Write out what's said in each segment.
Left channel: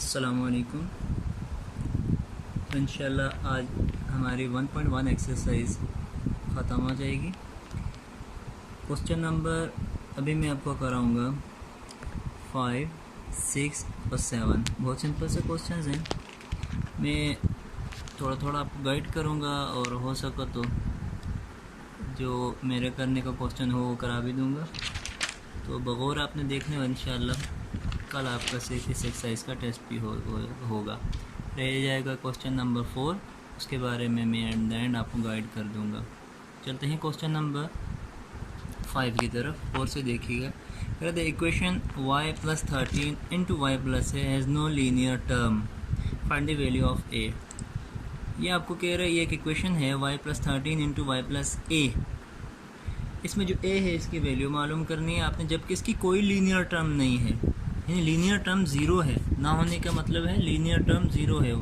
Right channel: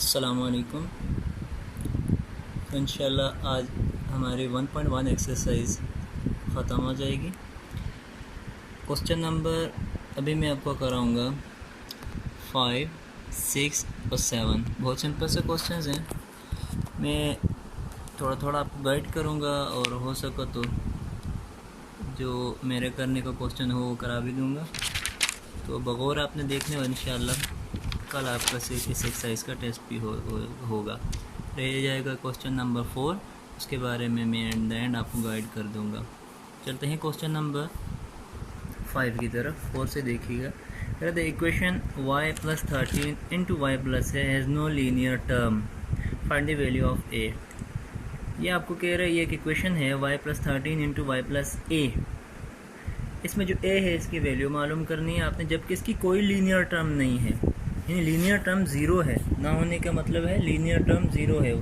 अस्सलामुअलैकुम। तो इंशाल्लाह आज हमारी 1.1 एक्सरसाइज ख़त्म हो जाएगी। क्वेश्चन नंबर अभी मैं आपको कराऊंगा 5, 6 और 7। बहुत सिंपल से क्वेश्चंस हैं। मैं थोड़ा थोड़ा आपको गाइड करूंगा और हो सका तो जो मेरे करने का क्वेश्चन हो वो करा भी दूंगा। तो बगौर आपने देखने वाला इंशाल्लाह कल आपका इस एक्सरसाइज का टेस्ट भी होगा। रह जाएगा क्वेश्चन नंबर 4, उसके बारे में मैं एट द एंड आपको गाइड कर दूंगा। चलते हैं क्वेश्चन नंबर 5 की तरफ। 4 से देखिएगा। The equation y + 13 × y + a has no linear term, find the value of a। ये आपको कह रहा है ये एक इक्वेशन है y + 13 × y + a। इसमें जो a है इसकी वैल्यू मालूम करनी है आपने, जबकि इसकी कोई लीनियर टर्म नहीं है। यानी लीनियर टर्म ज़ीरो है, ना होने का मतलब है लीनियर टर्म ज़ीरो है।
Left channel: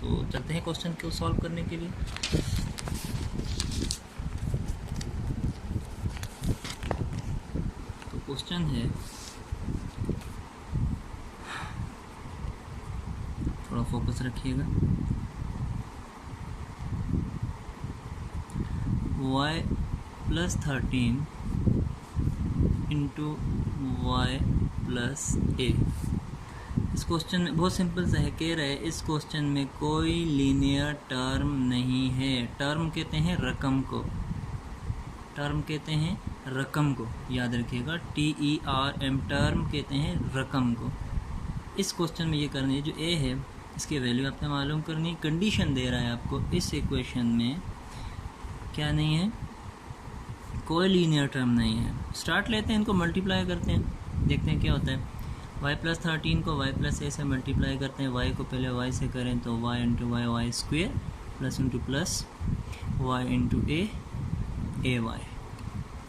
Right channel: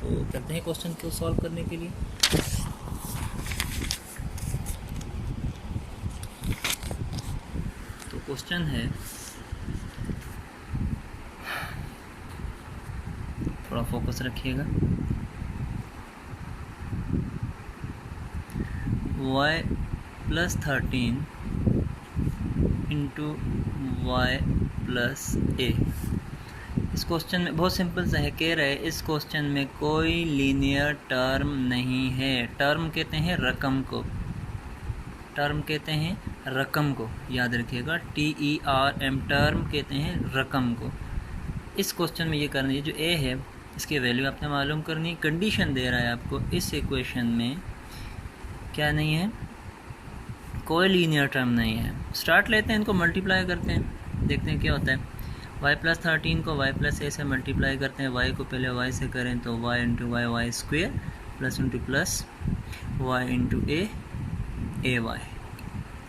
तो चलते हैं क्वेश्चन को सॉल्व करने के लिए। तो क्वेश्चन है, थोड़ा फोकस रखिएगा। y + 13 × y + a। इस क्वेश्चन में बहुत सिंपल सा है, कह रहा है इस क्वेश्चन में कोई लीनियर टर्म नहीं है। टर्म कहते हैं रकम को, टर्म कहते हैं रकम को, याद रखिएगा TERM, टर्म कहते हैं रकम को। इस क्वेश्चन में ये करनी है, जो a है इसकी वैल्यू आपने मालूम करनी। कंडीशन दे रहा है आपको इस इक्वेशन में क्या नहीं है, कोई लीनियर टर्म नहीं है। स्टार्ट लेते हैं, इनको मल्टीप्लाई करते हैं, देखते हैं क्या होता है। y + 13 को y + a से मल्टीप्लाई करते हैं। y को पहले y से करें तो y × y y² plus × plus y × a ay।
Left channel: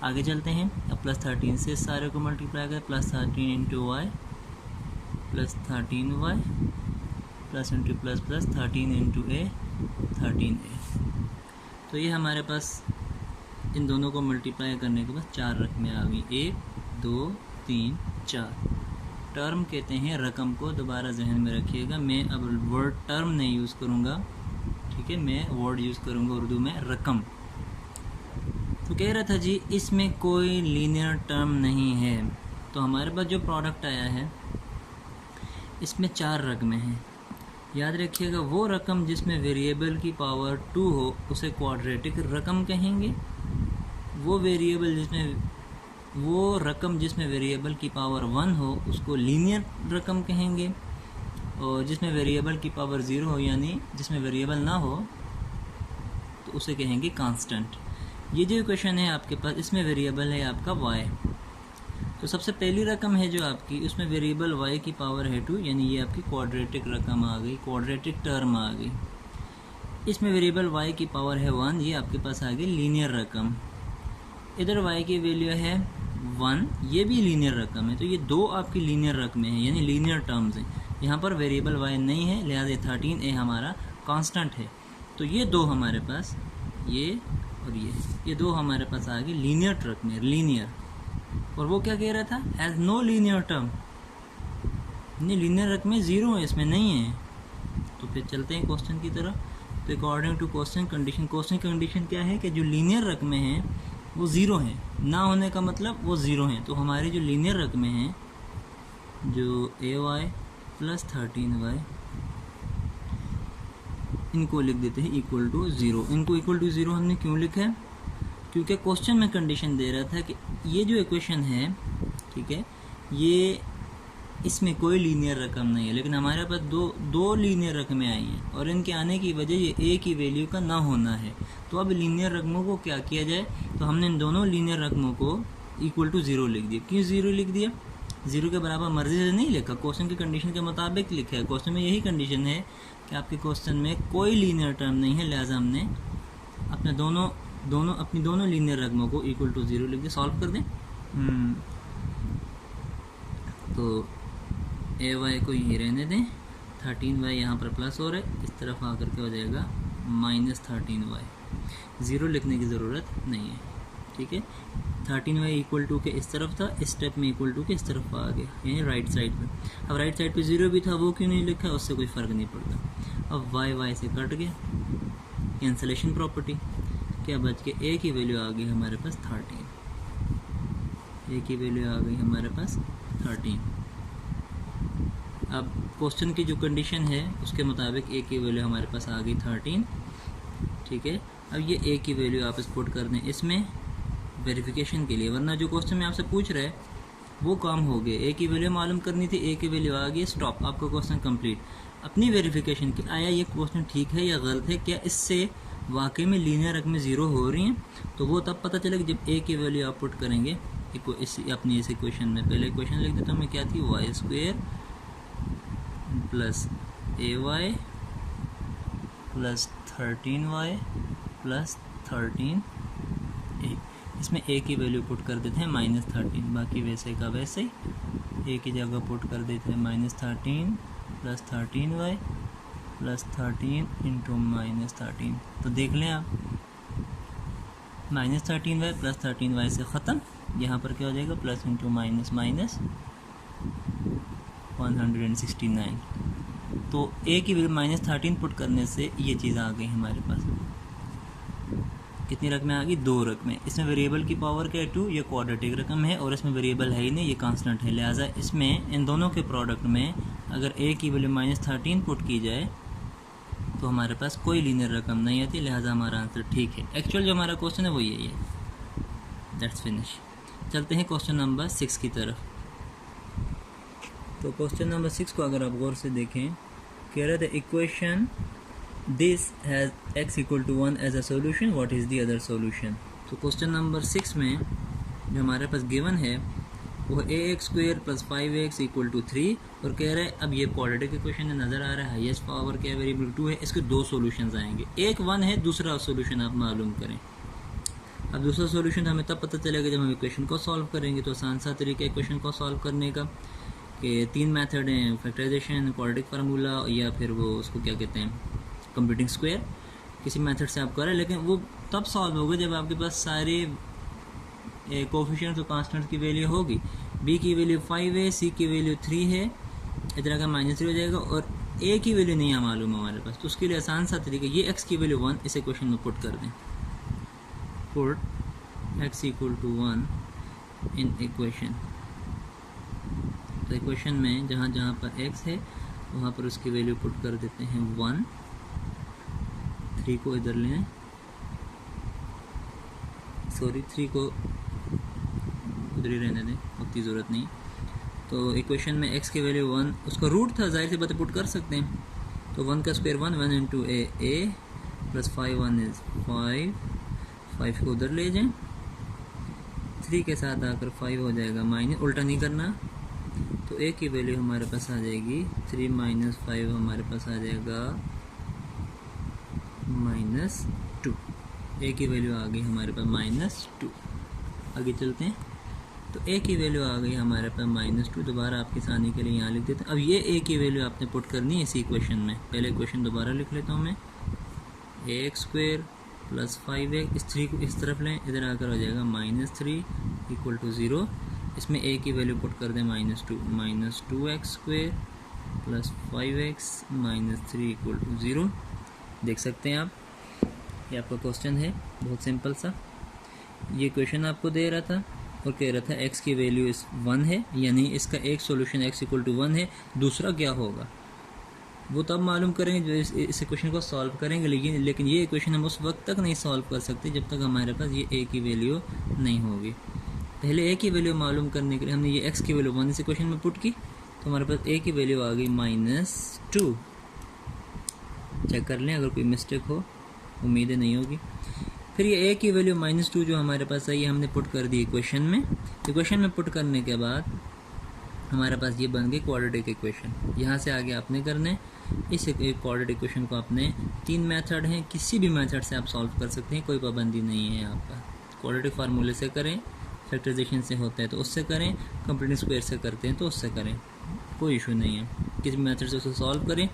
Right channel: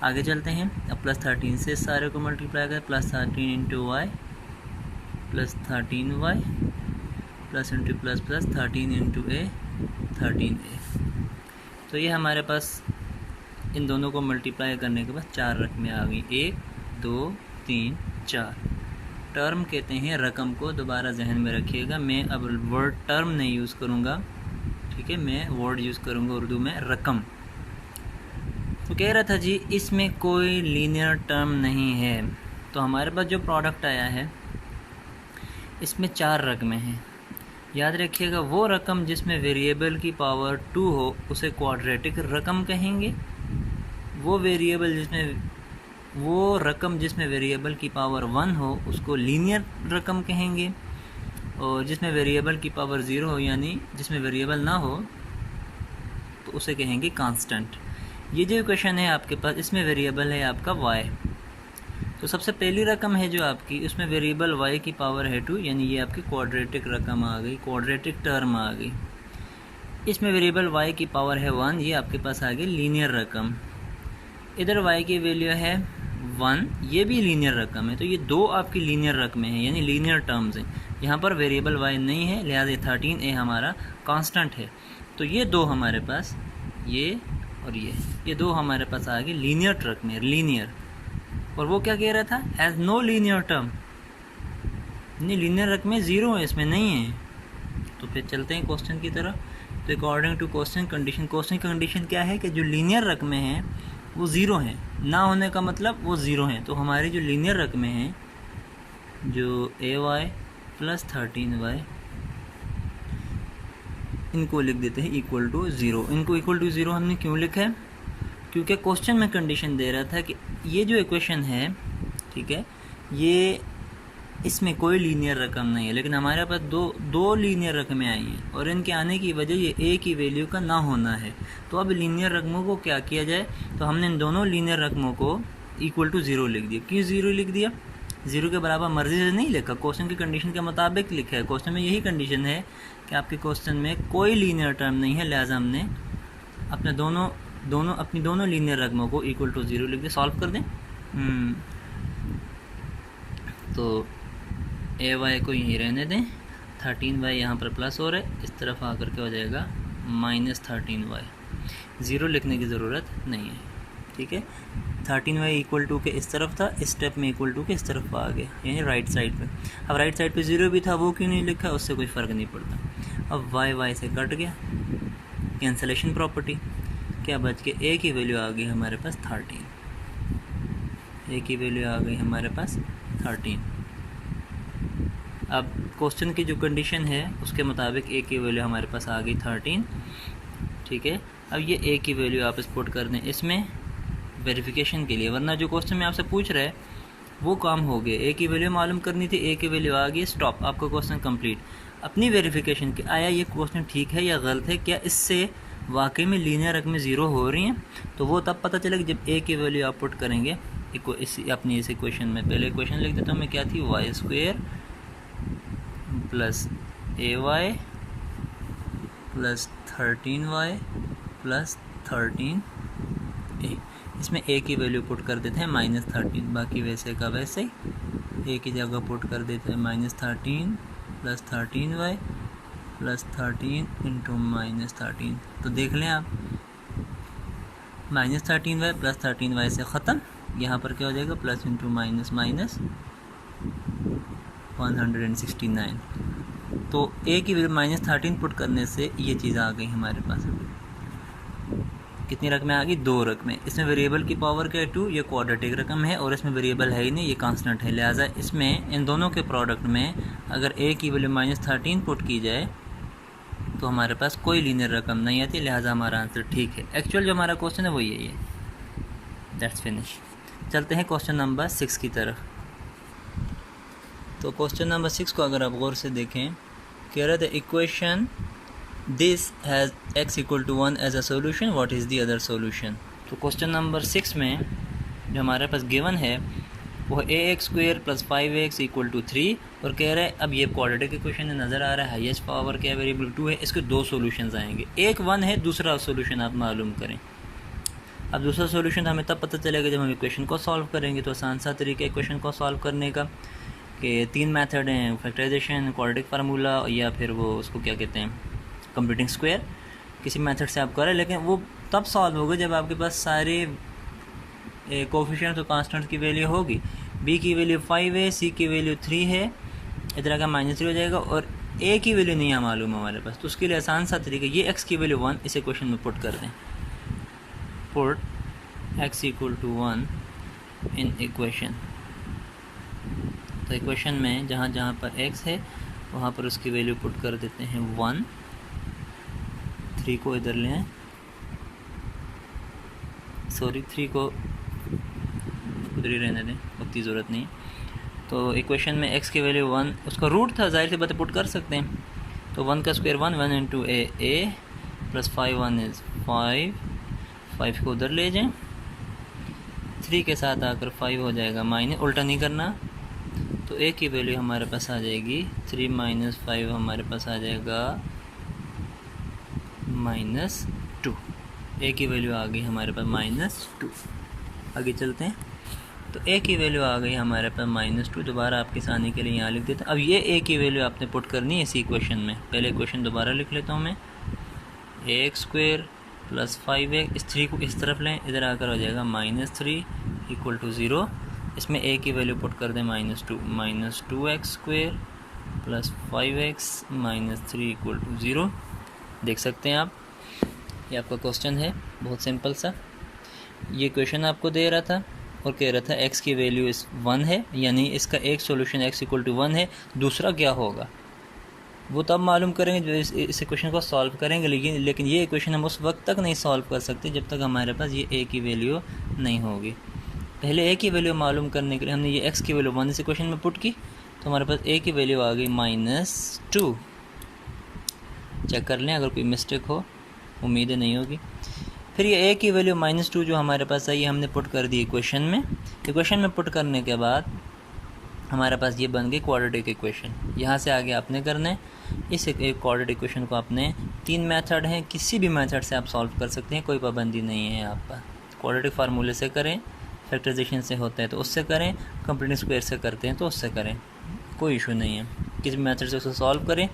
आगे चलते हैं। अब +13 से सारे को मल्टीप्लाई करें, +13 × y plus 13y plus × plus plus 13 × a 13a। तो ये हमारे पास इन दोनों को मल्टीप्लाई करने के बाद 4 रकमें आ गई, 1 2 3 4। टर्म कहते हैं रकम को, दोबारा जहन में रखिएगा। मैं अब वर्ड टर्म नहीं यूज़ करूँगा, ठीक है, मैं वर्ड यूज़ करूँगा उर्दू में रकम। तो कह रहा था जी इसमें कोई लीनियर टर्म नहीं है। तो हमारे पास जो प्रोडक्ट आया है इसमें 4 रकमें हैं। याद रखिएगा, वो रकम जिसमें वेरिएबल की पावर 2 हो उसे क्वाड्रेटिक रकम कहेंगे। वो रकम जिसमें वेरिएबल की पावर 1 हो उसको लीनियर रकम कहेंगे, और जिसमें वेरिएबल की पावर 0 हो यानी जिसमें वेरिएबल ना हो तो उसे कहेंगे कांस्टेंट। ये जो इक्वेशन है आपके पास, इसमें वेरिएबल है आपका y। तो सबसे पहली रकम है जो आपकी, उसमें वेरिएबल y की पावर है 2, यानी ये आपकी क्वाड्रेटिक रकम आ गई, क्वाड्रेटिक टर्म आ गई। इसमें वेरिएबल y की पावर है 1, ये आपके पास आ गई लीनियर रकम। इधर y की वैल्यू है 1, ये भी लीनियर रकम है। तो ये दो आपकी लीनियर रकमें हैं, यानी लीनियर टर्म्स हैं। यहाँ पर वेरिएबल y नहीं है, लिहाजा 13a हमारा कांस्टेंट है। तो ये दो हमारे पास, ये और ये दो हमारे पास आ गए लीनियर रकमें, लीनियर। और वो क्या कह रहा था, हैज़ नो लीनियर टर्म, यानी लीनियर रकमें ज़ीरो है, इसमें नहीं है। तो फिर चलते हैं क्वेश्चन की तरफ। तो according to question condition, question condition क्या है कि जो लीनियर रकमें हैं वो ज़ीरो हैं, ना होने का मतलब वो ज़ीरो हैं। तो हमारी जो लीनियर रकमें हैं, जो ay + 13y, इनको लिख देते हैं = 0। इनको = 0 हमने क्यों लिखा है, क्योंकि क्वेश्चन में कंडीशन दे रहा था कि ये जो इक्वेशन है, ठीक है, ये इसमें कोई लीनियर रकम नहीं है। लेकिन हमारे पास दो लीनियर रकमें आई हैं, और इनके आने की वजह ये a की वैल्यू का ना होना है। तो अब लीनियर रकमों को क्या किया जाए, तो हमने इन दोनों लीनियर रकमों को = 0 लिख दिया। क्यों 0 लिख दिया, 0 के बराबर मर्जी से नहीं लिखा, क्वेश्चन की कंडीशन के मुताबिक लिखा है। क्वेश्चन में यही कंडीशन है कि आपके क्वेश्चन में कोई लीनियर टर्म नहीं है, लिहाजा हमने अपने अपनी दोनों लीनियर रकमों को = 0 लिख दिया। सॉल्व कर दें। तो ay को यहीं रहने दें, 13y यहाँ पर प्लस हो रहा है, इस तरफ आकर के हो जाएगा -13y। 0 लिखने की ज़रूरत नहीं है, ठीक है। 13y इक्वल टू के इस तरफ था, इस स्टेप में इक्वल टू के इस तरफ आ गया, यानी राइट साइड पे। अब राइट साइड पे 0 भी था, वो क्यों नहीं लिखा, उससे कोई फ़र्क नहीं पड़ता। अब y से कट गया, कैंसलेशन प्रॉपर्टी, क्या बच के a की वैल्यू आ गई हमारे पास 13, a की वैल्यू आ गई हमारे पास 13। अब क्वेश्चन की जो कंडीशन है उसके मुताबिक a की वैल्यू हमारे पास आ गई 13, ठीक है। अब ये a की वैल्यू आप पुट कर दें इसमें वेरिफिकेशन के लिए, वरना जो क्वेश्चन में आपसे पूछ रहा है वो काम हो गया। a की वैल्यू मालूम करनी थी, a की वैल्यू आ गई, स्टॉप, आपका क्वेश्चन कंप्लीट। अपनी वेरिफिकेशन की आया ये क्वेश्चन ठीक है या गलत है, क्या इससे वाकई में लीनियर रकमें ज़ीरो हो रही हैं, तो वो तब पता चलेगा जब a की वैल्यू आप पुट करेंगे अपनी इस इक्वेशन में। पहले इक्वेशन लिख देता हूँ मैं, क्या थी, y² plus ay plus 13y plus 13a। इसमें a की वैल्यू पुट कर देते हैं -13, बाकी वैसे का वैसे ही a की जगह पुट कर देते हैं -13 प्लस 13y प्लस 13 इंटू -13। तो देख लें आप, -13y प्लस 13y से ख़त्म, यहाँ पर क्या हो जाएगा, प्लस इंटू माइनस माइनस 169। तो a की वैल्यू -13 पुट करने से ये चीज़ आ गई हमारे पास। कितनी रकमें आ गई, 2 रकमें। इसमें वेरिएबल की पावर क्या है, 2, ये क्वाड्रेटिक रकम है और इसमें वेरिएबल है ही नहीं, ये कांस्टेंट है। लिहाजा इसमें इन दोनों के प्रोडक्ट में अगर a की वैल्यू -13 पुट की जाए तो हमारे पास कोई लीनियर रकम नहीं आती, लिहाजा हमारा आंसर ठीक है। एक्चुअल जो हमारा क्वेश्चन है वो यही है। That's finish. चलते हैं क्वेश्चन नंबर 6 की तरफ। तो क्वेश्चन नंबर 6 को अगर आप गौर से देखें, कह रहे थे equation this has x equal to 1 as a solution, what is the other solution. तो क्वेश्चन नंबर 6 में जो हमारे पास गिवन है वो ax² plus 5x equal to 3, और कह रहा है अब ये क्वाड्रेटिक इक्वेशन है, नज़र आ रहा है, हाईएस्ट पावर क्या वेरिएबल 2 है, इसके 2 सॉल्यूशंस आएंगे, एक 1 है, दूसरा सॉल्यूशन आप मालूम करें। अब दूसरा सॉल्यूशन हमें तब पता चलेगा जब हम इक्वेशन को सॉल्व करेंगे। तो आसान सा तरीका इक्वेशन को सॉल्व करने का कि 3 मेथड हैं, फैक्टराइजेशन, क्वाड्रेटिक फार्मूला, या फिर वो उसको क्या कहते हैं, कंप्यूटिंग स्क्वायर। किसी मेथड से आप करें, लेकिन वो तब सॉल्व होगा जब आपके पास सारे कोफिशिएंट्स और कांस्टेंट्स की वैल्यू होगी। b की वैल्यू 5 है, c की वैल्यू 3 है, इधर का -3 हो जाएगा, और a की वैल्यू नहीं है मालूम हमारे पास। तो उसके लिए आसान सा तरीका, ये x की वैल्यू 1 इस इक्वेशन में पुट कर दें, put x equal to 1 in equation. तो इक्वेशन में जहाँ जहाँ पर x है वहाँ पर उसकी वैल्यू पुट कर देते हैं 1। 3 को इधर ले आए, सॉरी 3 को उधर ही रहने दें, उतनी ज़रूरत नहीं। तो इक्वेशन में x की वैल्यू 1, उसका रूट था, जाहिर सी बात है पुट कर सकते हैं। तो 1 का square 1 into a plus 5 1 is 5 को उधर ले जाएं, 3 के साथ आकर 5 हो जाएगा माइनस, उल्टा नहीं करना। तो a की वैल्यू हमारे पास आ जाएगी 3 माइनस 5, हमारे पास आ जाएगा -2। a की वैल्यू आ गई हमारे पास -2। आगे चलते हैं। तो a की वैल्यू आ गई हमारे पास -2। दोबारा आपके आसानी के लिए यहाँ लिख देते हैं। अब ये a की वैल्यू आपने पुट करनी है इसी इक्वेशन में। पहले इक्वेशन दोबारा लिख लेता हूँ मैं, ax² प्लस 5x, इस 3 को इस तरफ लें, इधर आकर हो जाएगा -3 इक्वल टू 0। इसमें a की वैल्यू पुट कर दें -2, -2x² plus 5x -3 equal to 0। देख सकते हैं आप, ये आपका क्वेश्चन है, बहुत सिंपल सा। ये क्वेश्चन आपको दे रहा था और कह रहा था x की वैल्यू इस 1 है, यानी इसका एक सॉल्यूशन x इक्वल टू 1 है, दूसरा क्या होगा वो तब मालूम करेंगे जो इस इक्वेशन को सॉल्व करेंगे। लेकिन ये इक्वेशन हम उस वक्त तक नहीं सॉल्व कर सकते जब तक हमारे पास ये a की वैल्यू नहीं होगी। पहले a की वैल्यू मालूम करने के लिए हमने ये x की वैल्यू 1 इस इक्वेशन में पुट की, तो हमारे पास a की वैल्यू आ गई -2। चेक कर लें अगर कोई मिस्टेक हो, उम्मीदें नहीं होगी। फिर ये a की वैल्यू -2 जो हमारे पास आई, हमने पुट कर दी इक्वेशन में। इक्वेशन में पुट करने के बाद हमारे पास ये बन गई क्वाड्रेटिक इक्वेशन। यहाँ से आगे आपने करना है, इस एक क्वाड्रेटिक इक्वेशन को आपने 3 मेथड हैं, किसी भी मेथड से आप सॉल्व कर सकते हैं, कोई पाबंदी नहीं है यहाँ पर। क्वाड्रेटिक फार्मूले से करें, फैक्टराइजेशन से होता है तो उससे करें, कंप्यूटिंग स्क्वायर से करते हैं तो उससे करें, कोई इशू नहीं है। किसी मेथड से उसको सॉल्व करें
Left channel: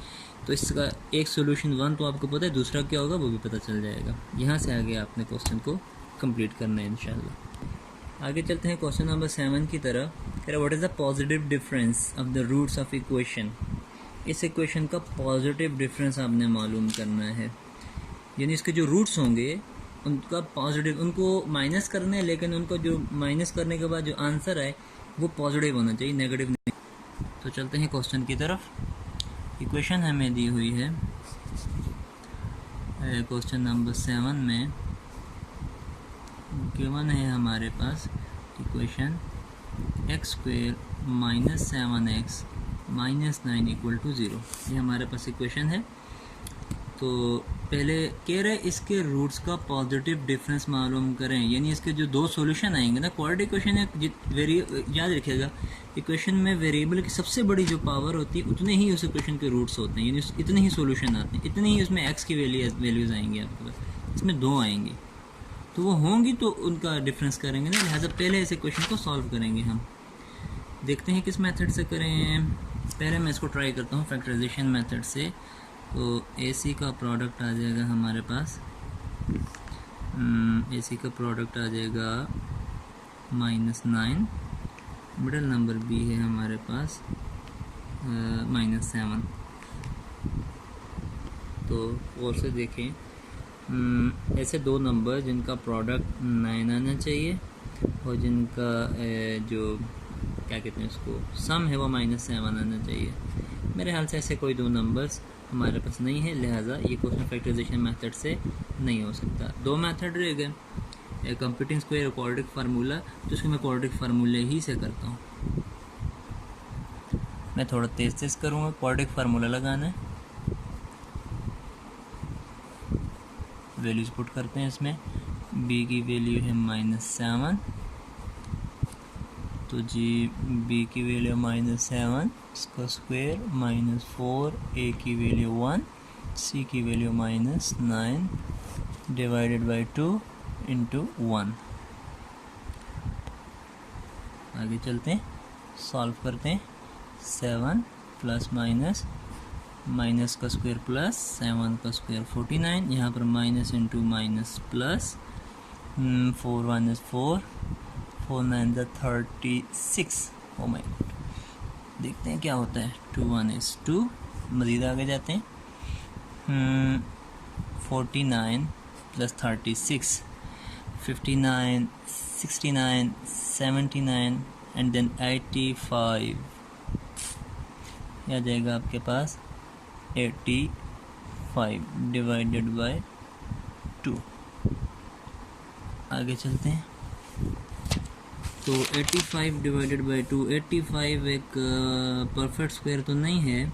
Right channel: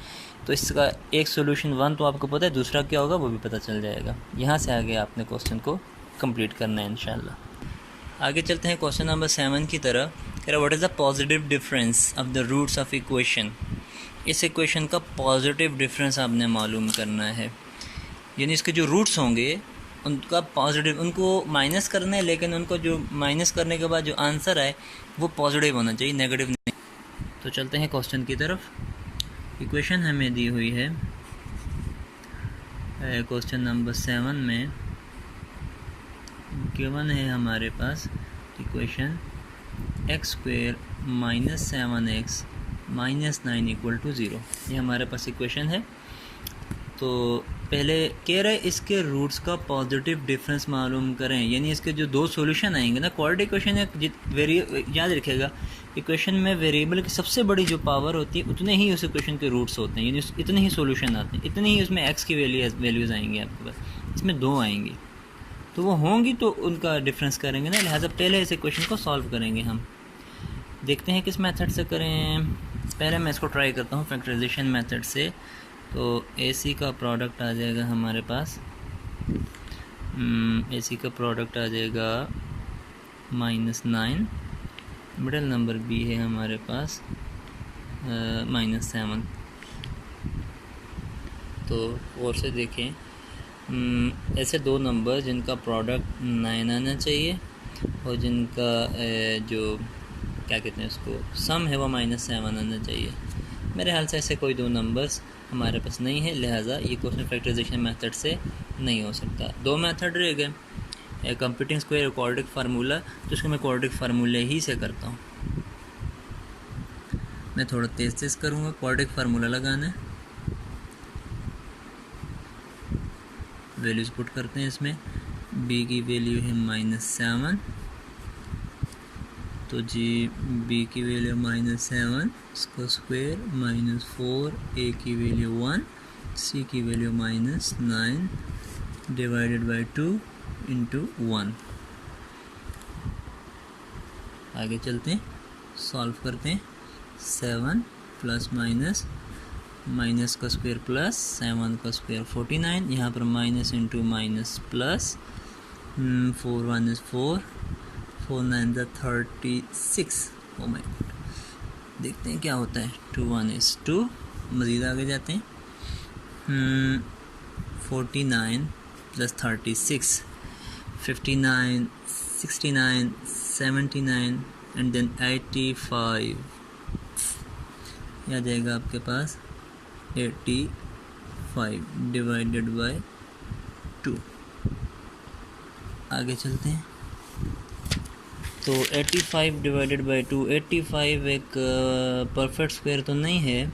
तो इसका एक सोल्यूशन 1 तो आपको पता है, दूसरा क्या होगा वो भी पता चल जाएगा। यहाँ से आगे आपने क्वेश्चन को कंप्लीट करना है इंशाल्लाह। आगे चलते हैं क्वेश्चन नंबर 7 की तरफ। कह रहा what is the positive difference of the roots of equation. इस इक्वेशन का पॉजिटिव डिफरेंस आपने मालूम करना है, यानी इसके जो रूट्स होंगे उनका पॉजिटिव, उनको माइनस करना है, लेकिन उनको जो माइनस करने के बाद जो आंसर आए वो पॉजिटिव होना चाहिए, नेगेटिव नहीं। तो चलते हैं क्वेश्चन की तरफ। इक्वेशन हमें दी हुई है क्वेश्चन नंबर 7 में गिवन है हमारे पास इक्वेशन x² - 7x - 9 = 0। ये हमारे पास इक्वेशन है। तो पहले कह रहे हैं इसके रूट्स का पॉजिटिव डिफरेंस मालूम करें, यानी इसके जो दो सॉल्यूशन आएंगे ना, क्वाड्रेटिक इक्वेशन है, याद रखिएगा इक्वेशन में वेरिएबल की सबसे बड़ी जो पावर होती है उतने ही उस इक्वेशन के रूट्स होते हैं, यानी इतने ही सॉल्यूशन आते हैं, इतने ही उसमें x की वैल्यूज़ आएंगी आपके पास। इसमें 2 आएंगी तो वो होंगी तो उनका डिफरेंस करेंगे ना, लिहाजा पहले इस इक्वेशन को सॉल्व करेंगे हम। देखते हैं किस मेथड से करें। पहले मैं इसको ट्राई करता हूँ फैक्टराइजेशन मेथड से। तो AC का प्रोडक्ट आ जाएगा हमारे पास, AC का प्रोडक्ट आ जाएगा -9, मिडल नंबर B है हमारे पास -7। तो और से देखें, ऐसे दो नंबर जिनका प्रोडक्ट 9 आना चाहिए और जिनका जो क्या कहते हैं उसको सम है वो -7 आना चाहिए। मेरे ख्याल से ऐसे कोई दो नंबर्स हमारे पास नहीं है, लिहाजा ये क्वेश्चन फैक्टराइजेशन मेथड से नहीं हो सकता। 2 मेथड रह गए, कंप्यूटिंग स्क्वायर, क्वाड्रेटिक फार्मूला। तो इसको मैं क्वाड्रेटिक फार्मूले ही से करता हूँ। मैं थोड़ा तेज़ करूँगा। क्वाड्रेटिक फार्मूला लगाना है, वैल्यूज़ पुट करते हैं इसमें। b की वैल्यू है -7, तो जी b की वैल्यू -7, इसका स्क्वायर -4, a की वैल्यू 1, c की वैल्यू -9 डिवाइडेड बाई 2 इंटू 1। आगे चलते हैं, सॉल्व करते हैं। 7 प्लस माइनस का स्क्वायर प्लस 7 का स्क्वायर 49, यहाँ पर minus into minus plus, 4 1 is 4, 4 9 is 36। Oh my God, देखते हैं क्या होता है। 2 1 is 2। मज़ीद आगे जाते हैं। 49 प्लस 36, 59, 69, 79 एंड देन 85। यह आ जाएगा आपके पास 85 डिवाइडेड बाय 2। आगे चलते हैं। तो 85 डिवाइडेड बाई 2, 85 एक परफेक्ट स्क्वायर तो नहीं है।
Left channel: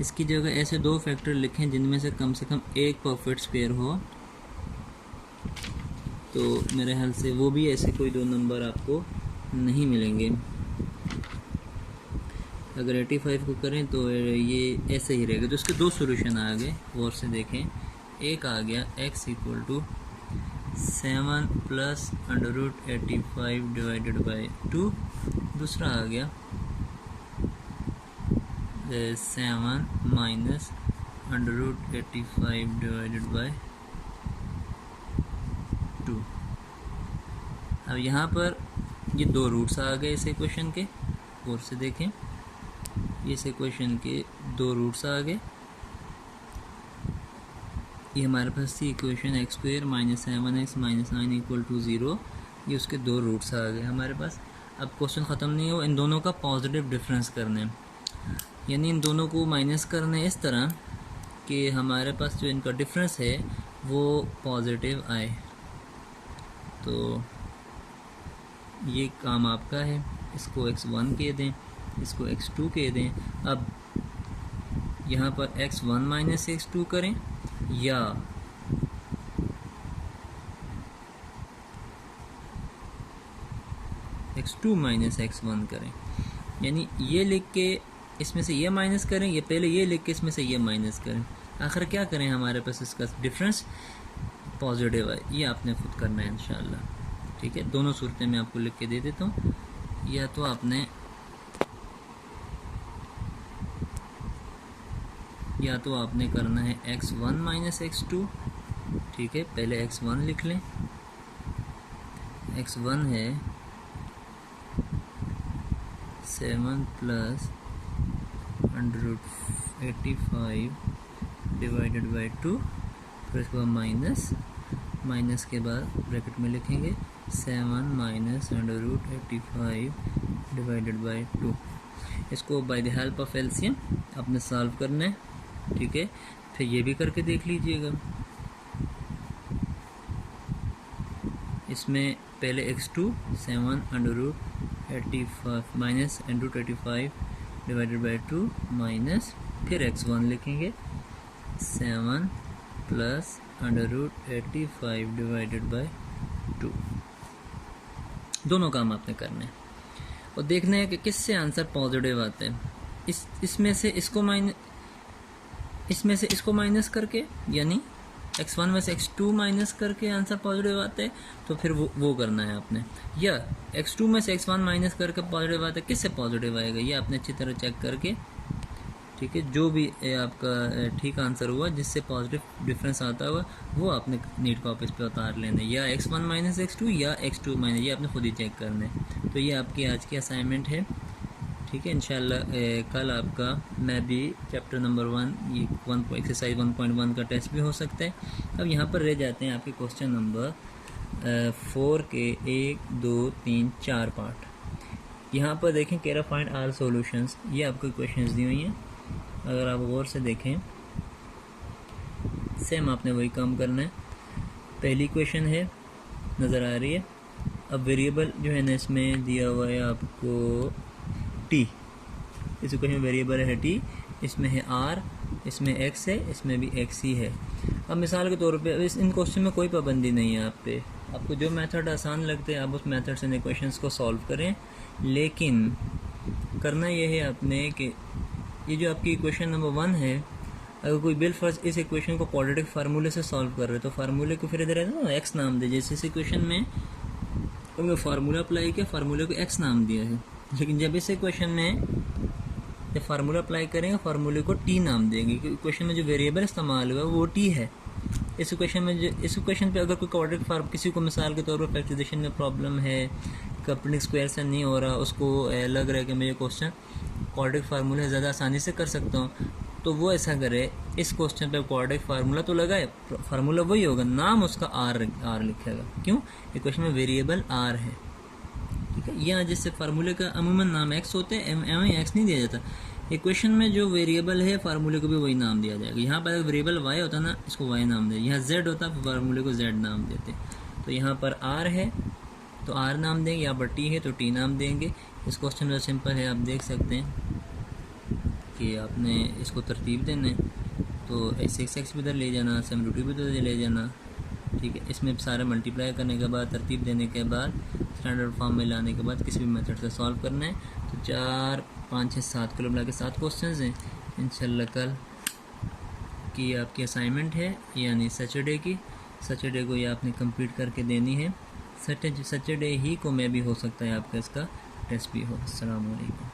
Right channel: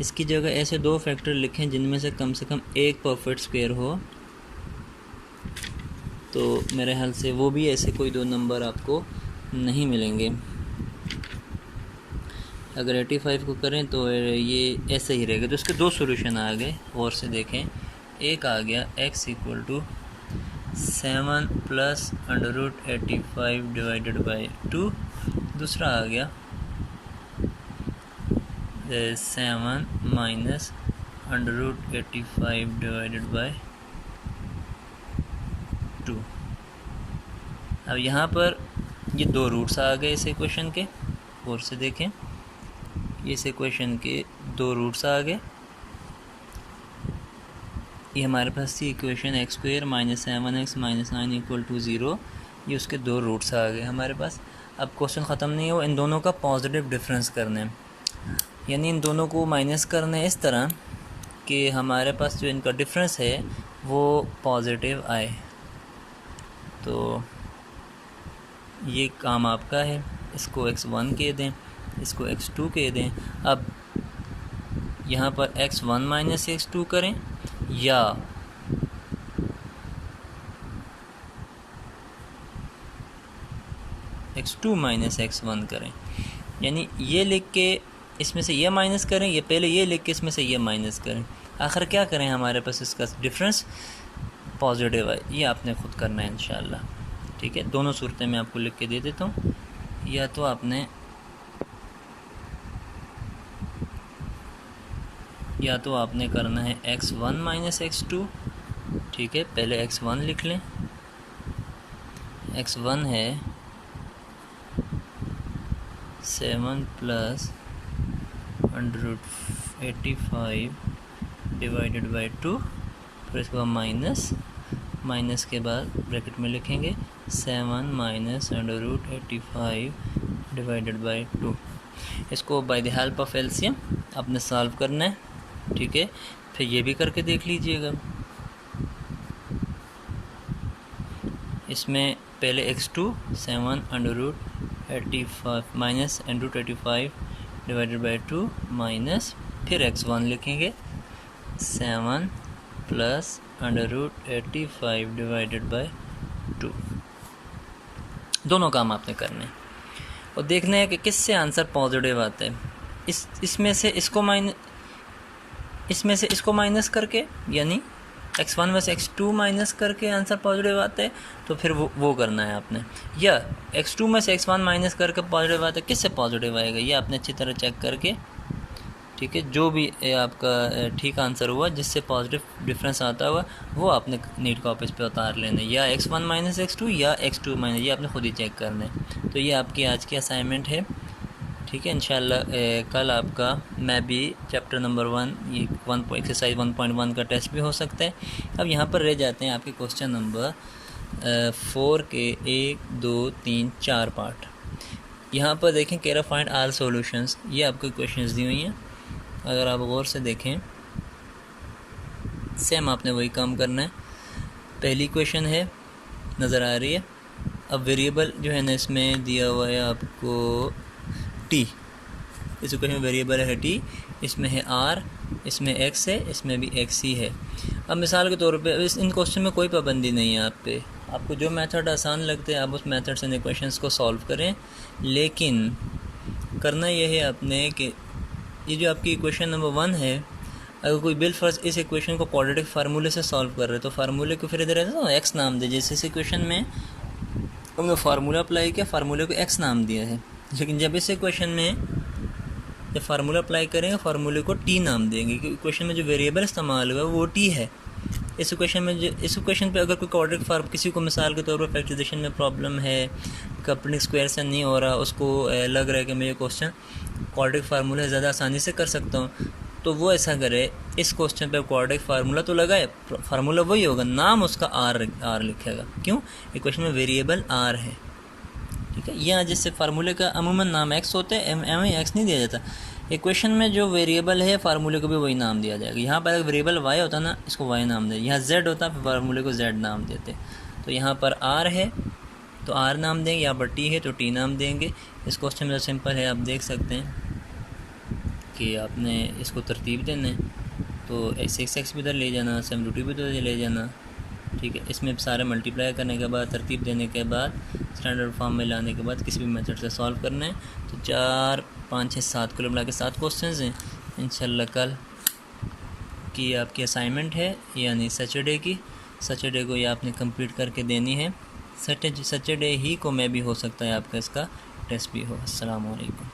इसकी जगह ऐसे दो फैक्टर लिखें जिनमें से कम एक परफेक्ट स्क्वायर हो। तो मेरे ख्याल से वो भी ऐसे कोई दो नंबर आपको नहीं मिलेंगे। अगर 85 को करें तो ये ऐसे ही रहेगा। तो इसके दो सॉल्यूशन आ गए, और से देखें। एक आ गया x = 7 प्लस √85 डिवाइडेड बाई 2। दूसरा आ गया 7 माइनस √85 डिवाइडेड बाई 2। अब यहाँ पर ये दो रूट्स आ गए इस इक्वेशन के, और से देखें इस इक्वेशन के दो रूट्स आ गए। ये हमारे पास थी इक्वेशन x² - 7x - 9 = 0। ये उसके दो रूट्स आ गए हमारे पास। अब क्वेश्चन ख़त्म नहीं हो, इन दोनों का पॉजिटिव डिफरेंस करना है, यानी इन दोनों को माइनस करना है इस तरह कि हमारे पास जो इनका डिफरेंस है वो पॉजिटिव आए। तो ये काम आपका है। इसको x1 कह दें, इसको x2 कह दें। अब यहाँ पर x1 माइनस x2 करें, या x2 माइनस x1 करें, यानी ये लिख के इसमें से ये माइनस करें, ये पहले ये लिख के इसमें से ये माइनस करें। आखिर क्या करें, हमारे पास इसका डिफरेंस पॉजिटिव है। ये आपने खुद करना है इंशाल्लाह, ठीक है। दोनों सूरतें मैं आपको लिख के दे देता हूँ। या तो आपने करना है x1 माइनस x2, ठीक है। पहले x1 लिख लें, x1 है 7 प्लस √85 डिवाइडेड बाई 2, फिर इसके बाद माइनस के बाद ब्रैकेट में लिखेंगे 7 माइनस √85 डिवाइडेड बाई 2। इसको by the help of LCM आपने सॉल्व करना है, ठीक है। फिर ये भी करके देख लीजिएगा। इसमें पहले x2 7 √85 minus √85 divided by 2 minus, फिर x1 लिखेंगे 7 प्लस √85 डिवाइडेड बाई 2। दोनों काम आपने करने हैं और देखना है कि किससे आंसर पॉजिटिव आता है। इसमें से इसको माइनस करके, यानी x1 में से x2 माइनस करके आंसर पॉजिटिव आता है तो फिर वो करना है आपने, या x2 में से x1 माइनस करके पॉजिटिव आता है, किससे पॉजिटिव आएगा ये आपने अच्छी तरह चेक करके, ठीक है, जो भी आपका ठीक आंसर हुआ जिससे पॉजिटिव डिफरेंस आता हुआ वो आपने नीट कॉपीज पे उतार लेना है, या x1 माइनस x2 या x2 माइनस, ये आपने खुद ही चेक करना है। तो ये आपकी आज की असाइनमेंट है, ठीक है। इंशाल्लाह कल आपका मैं भी चैप्टर नंबर 1 ये एक्सरसाइज 1.1 का टेस्ट भी हो सकता है। अब यहाँ पर रह जाते हैं आपके क्वेश्चन नंबर 4 के 1, 2, 3, 4 पार्ट। यहाँ पर देखें कह रहा फाइंड ऑल सॉल्यूशंस, ये आपको क्वेश्चंस दी हुई हैं। अगर आप गौर से देखें सेम आपने वही काम करना है। पहली क्वेश्चन है नज़र आ रही है। अब वेरिएबल जो है ना इसमें दिया हुआ है आपको t, इस क्वेश्चन में वेरिएबल है t, इसमें है r, इसमें x है, इसमें भी x ही है। अब मिसाल के तौर पे इन क्वेश्चन में कोई पाबंदी नहीं है आप पे, आपको जो मेथड आसान लगते हैं आप उस मेथड से इन क्वेश्चंस को सॉल्व करें, लेकिन करना यह है आपने कि ये जो आपकी इक्वेशन नंबर 1 है, अगर कोई बिल फर्ज इस इक्वेशन को क्वाड्रेटिक फार्मूले से सॉल्व कर रहे हैं तो फार्मूले को फिर इधर है ना x नाम दे। जैसे इस इक्वेशन में हमने फार्मूला अप्लाई किया, फार्मूले को x नाम दिया है, लेकिन जब इस इक्वेशन में जब फार्मूला अप्लाई करेंगे फार्मूले को t नाम देंगे, क्योंकि इक्वेशन में जो वेरिएबल इस्तेमाल हुआ है वो t है। इस इक्वेशन पे अगर कोई क्वाड्रेटिक फार्म किसी को मिसाल के तौर पर फैक्टराइजेशन में प्रॉब्लम है, कपलिंग स्क्वायर से नहीं हो रहा, उसको लग रहा है कि मैं ये क्वेश्चन क्वाड्रेटिक फार्मूला ज़्यादा आसानी से कर सकता हूँ, तो वो ऐसा करे इस क्वेश्चन पे क्वाड्रेटिक फार्मूला तो लगाए, फार्मूला वही होगा, नाम उसका आर लिखेगा। क्यों? इक्वेशन में वेरिएबल आर है, ठीक है। यहाँ जिससे फार्मूले का अमूमन नाम एक्स होता है, एम एक्स नहीं दिया जाता। इक्वेशन में जो वेरिएबल है फार्मूले को भी वही नाम दिया जाएगा। यहाँ पर अगर वेरिएबल वाई होता ना, इसको वाई नाम दे, यहाँ जेड होता फिर फार्मूले को जेड नाम देते। तो यहाँ पर आर है तो आर नाम देंगे, यहाँ पर टी है तो टी नाम देंगे। इस क्वेश्चन में तो सिंपल है, आप देख सकते हैं कि आपने इसको तरतीब देना है, तो x भी इधर ले जाना, 7 भी इधर ले जाना, ठीक है। इसमें सारे मल्टीप्लाई करने के बाद तरतीब देने के बाद स्टैंडर्ड फॉर्म में लाने के बाद किसी भी मेथड से सॉल्व करना है। तो 4, 5, 6, 7 कुल मिला के 7 क्वेश्चन हैं। इंशाल्लाह कल की आपकी असाइनमेंट है, यानी सैटरडे को ये आपने कंप्लीट करके देनी है। सैटरडे ही को मैं भी हो सकता है आपका इसका टेस्ट भी हो। अस्सलाम वालेकुम।